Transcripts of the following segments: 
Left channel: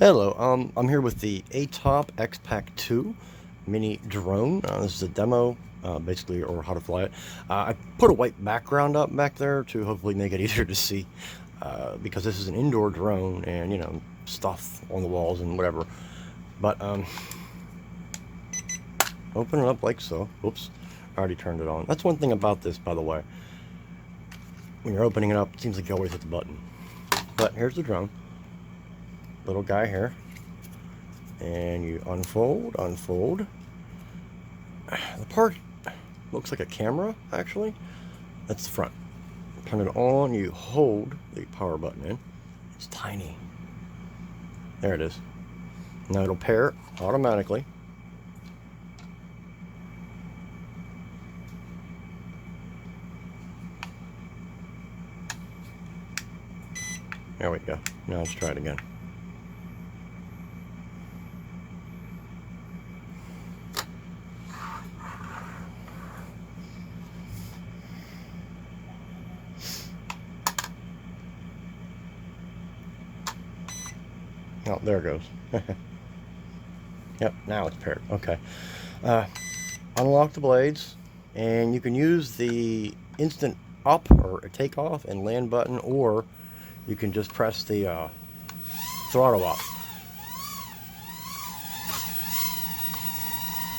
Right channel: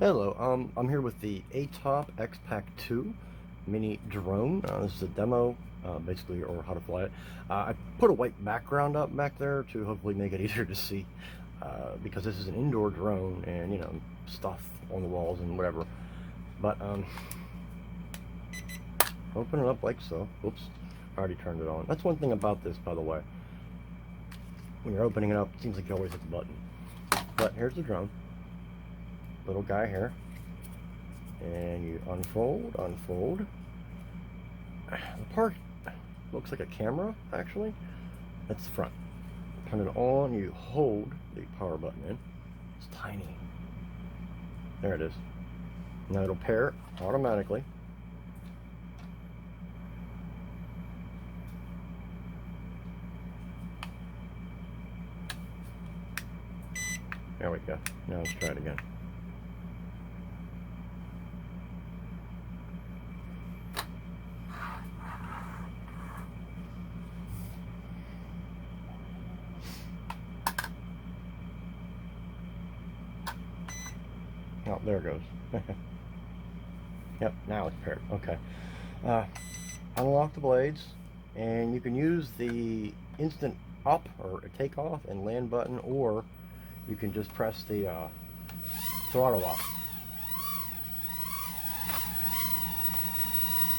Hello, I'm here with the Attop X-Pac 2 mini drone. This is a demo, basically, or how to fly it. I put a white background up back there to hopefully make it easier to see, because this is an indoor drone and, you know, stuff on the walls and whatever. But, open it up like so. Oops, I already turned it on. That's one thing about this, by the way. When you're opening it up, it seems like you always hit the button. But here's the drone. Little guy here, and you unfold. The part looks like a camera, actually. That's the front. Turn it on, you hold the power button in. It's tiny. There it is. Now it'll pair automatically. There we go. Now let's try it again. Oh, there it goes. Yep, now it's paired. Okay. Unlock the blades, and you can use the instant up or takeoff and land button, or you can just press the throttle up.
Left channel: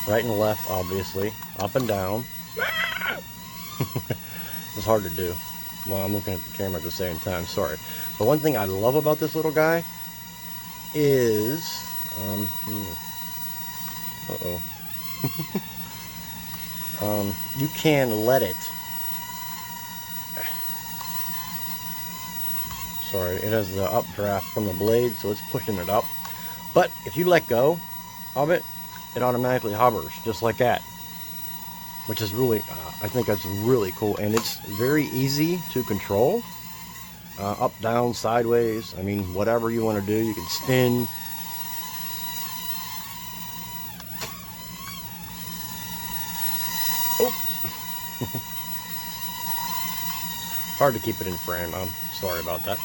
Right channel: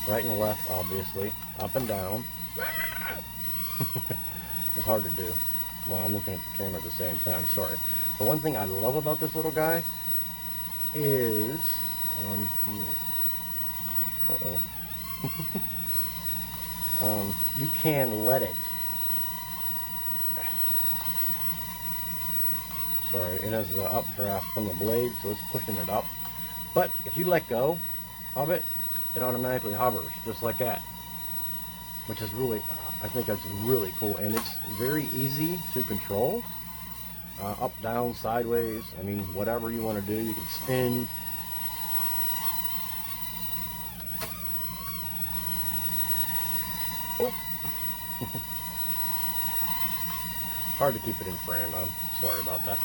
Right and left, obviously. Up and down. It's hard to do. Well, I'm looking at the camera at the same time, sorry. But one thing I love about this little guy is you can let it, sorry, it has the updraft from the blade, so it's pushing it up, but if you let go of it, it automatically hovers just like that, which is really I think that's really cool, and it's very easy to control. Up, down, sideways, I mean, whatever you want to do. You can spin. Oh. Hard to keep it in frame. I'm sorry about that.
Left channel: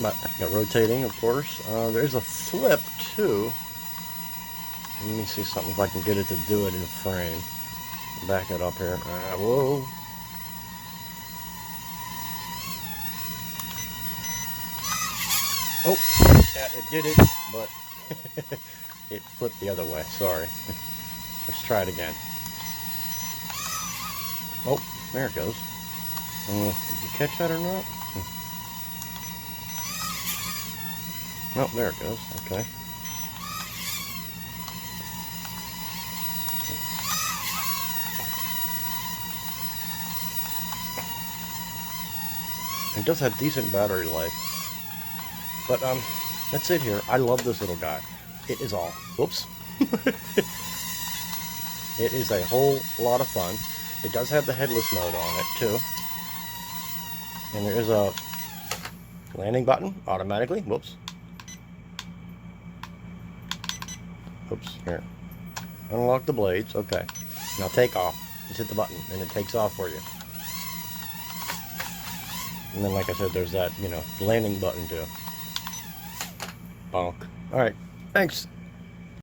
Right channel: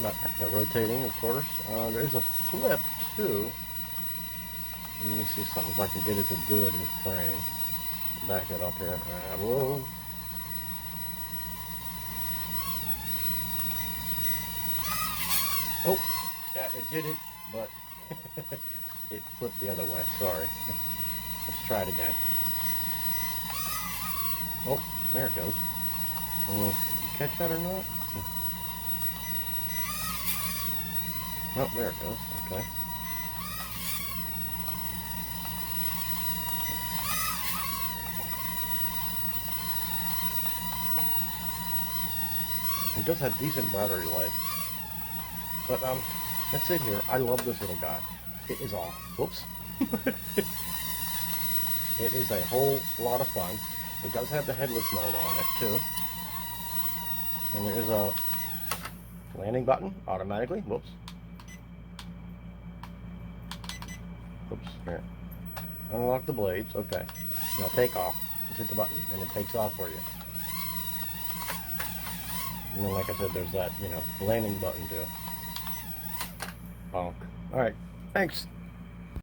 But rotating, of course. There's a flip, too. Let me see something if I can get it to do it in frame. Back it up here. Whoa. Oh, yeah, it did it, but it flipped the other way. Sorry. Let's try it again. Oh, there it goes. Did you catch that or not? Oh, there it goes. Okay. It does have decent battery life. But that's it here. I love this little guy. It is all. Whoops. It is a whole lot of fun. It does have the headless mode on it too. And there is a landing button automatically. Whoops. Oops. Here. Unlock the blades. Okay. Now take off. Just hit the button and it takes off for you. And then, like I said, there's that, you know, landing button too. Bonk. Alright, thanks.